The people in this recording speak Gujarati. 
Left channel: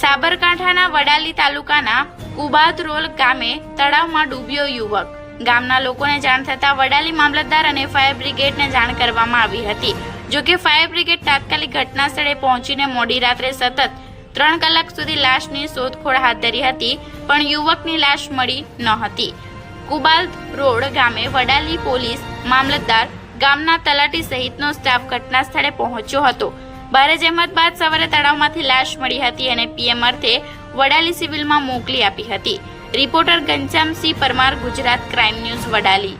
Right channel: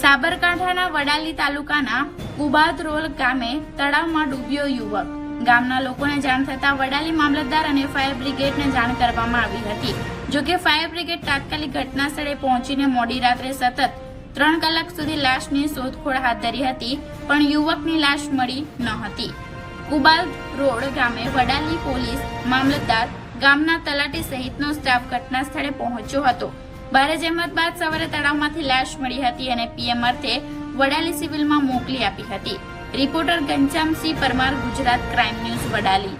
સાબરકાંઠાના વડાલી તાલુકાના ઉબાદરોલ ગામે તળાવમાં ડૂબ્યો યુવક. ગામના લોકોને જાણ થતાં વડાલી મામલતદાર અને ફાયર બ્રિગેડને જાણ કરવામાં આવી હતી. જોકે ફાયર બ્રિગેડ તાત્કાલિક ઘટના સ્થળે પહોંચીને મોડી રાત્રે સતત ત્રણ કલાક સુધી લાશની શોધખોળ હાથ ધરી હતી, પણ યુવકની લાશ મળી ન હતી. કુબાલ રોડ ગામે વડાલી પોલીસ મામલતદાર ગામના તલાટી સહિતનો સ્ટાફ ઘટના સ્થળે પહોંચ્યો હતો. ભારે જહેમત બાદ સવારે તળાવમાંથી લાશ મળી હતી અને પીએમ અર્થે વડાલી સિવિલમાં મોકલી આપી હતી reporter Ganjamsinh Parmar, Gujarat crime news, Vadali